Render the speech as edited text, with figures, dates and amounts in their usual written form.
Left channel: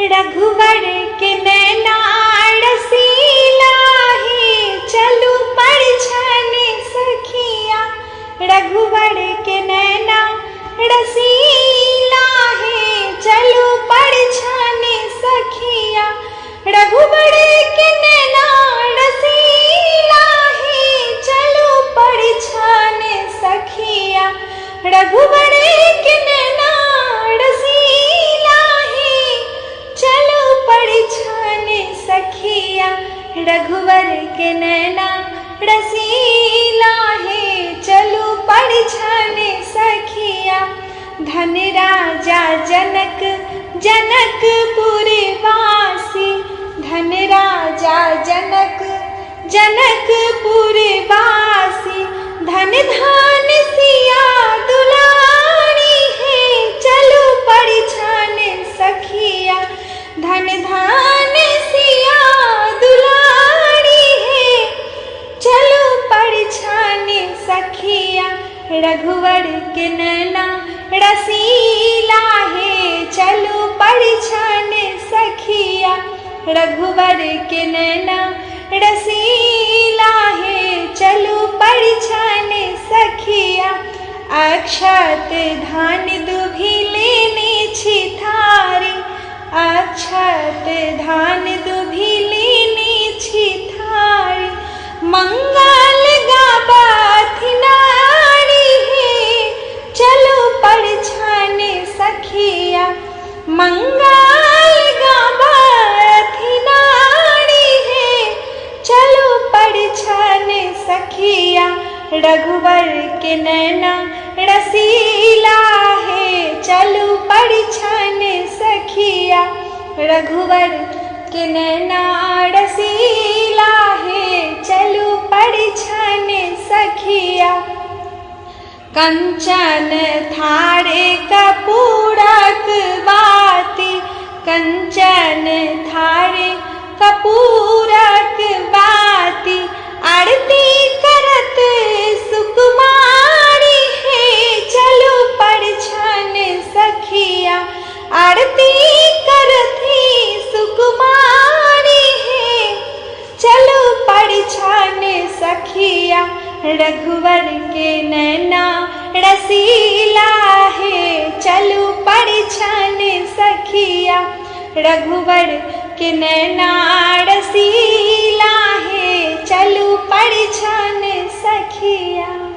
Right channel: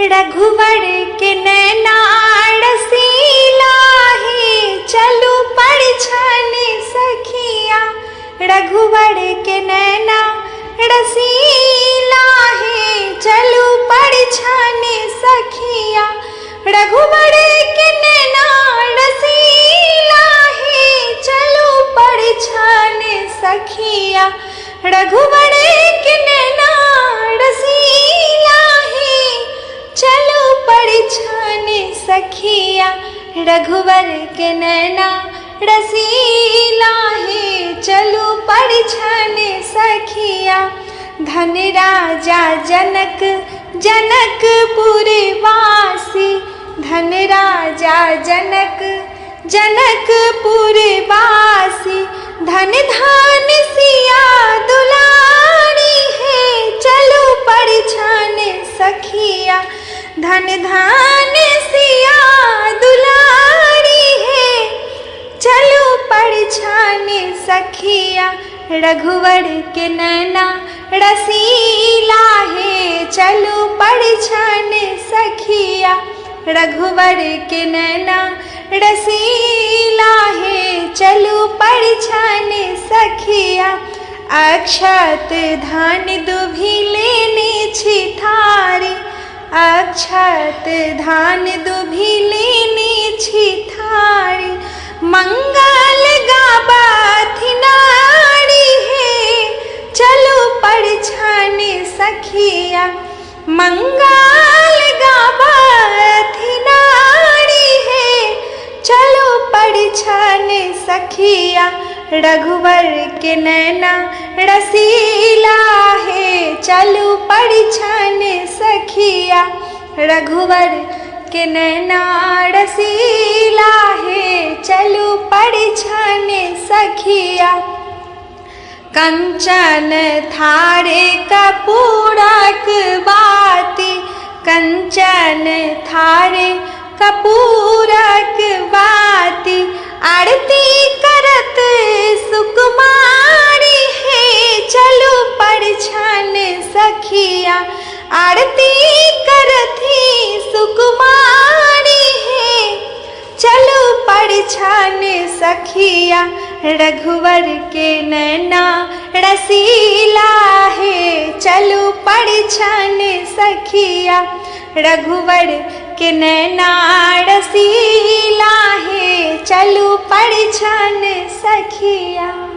रघुवर के नैना रसीला है, चलू परिछाने सखिया। रघुवर के नैना रसीला है, चलू परिछाने सखिया। रघुवर के नैना रसीला है, चलू परिछाने सखिया। रघुवर के नैना रसीला है, चलो परिछाने सखिया। रघुवर के नैना रसीला है, चलो परिछाने सखिया। धन राजा जनक जनकपुर वासी, धन राजा जनक जनकपुर वासी। धन धान सिया दुलारी है, चलो परिछाने सखिया। धन धान सिया दुलारी है, चलो परिछाने सखिया। रघुवर के नैना रसीला है, चलो परिछाने सखिया। रघुवर के नैना रसीला है, चलो परिछाने सखिया। अक्षत धान दुभि लेने छिथारे, अक्षत धान दुभि लेने छिथारे। मंगल गाबथि नारी है, चलो परिछाने सखिया। मंगल गाबथि नारी है, चलो परिछाने सखिया। रघुवर के नैना रसीला है, चलो परिछाने सखिया। रघुवर के नैना रसीला है, चलो परिछाने सखिया। कंचन थारे कपूरक बाती, कंचन थारे कपूरक बाती। आरती करत सुकुमारी है, चलो परिछाने सखिया। आरती करती सुकुमारी है, चलो परिछाने सखिया। रघुवर के नैना रसीला है, चलो परिछाने सखिया। रघुवर के नैना रसीला है, चलो परिछाने सखिया।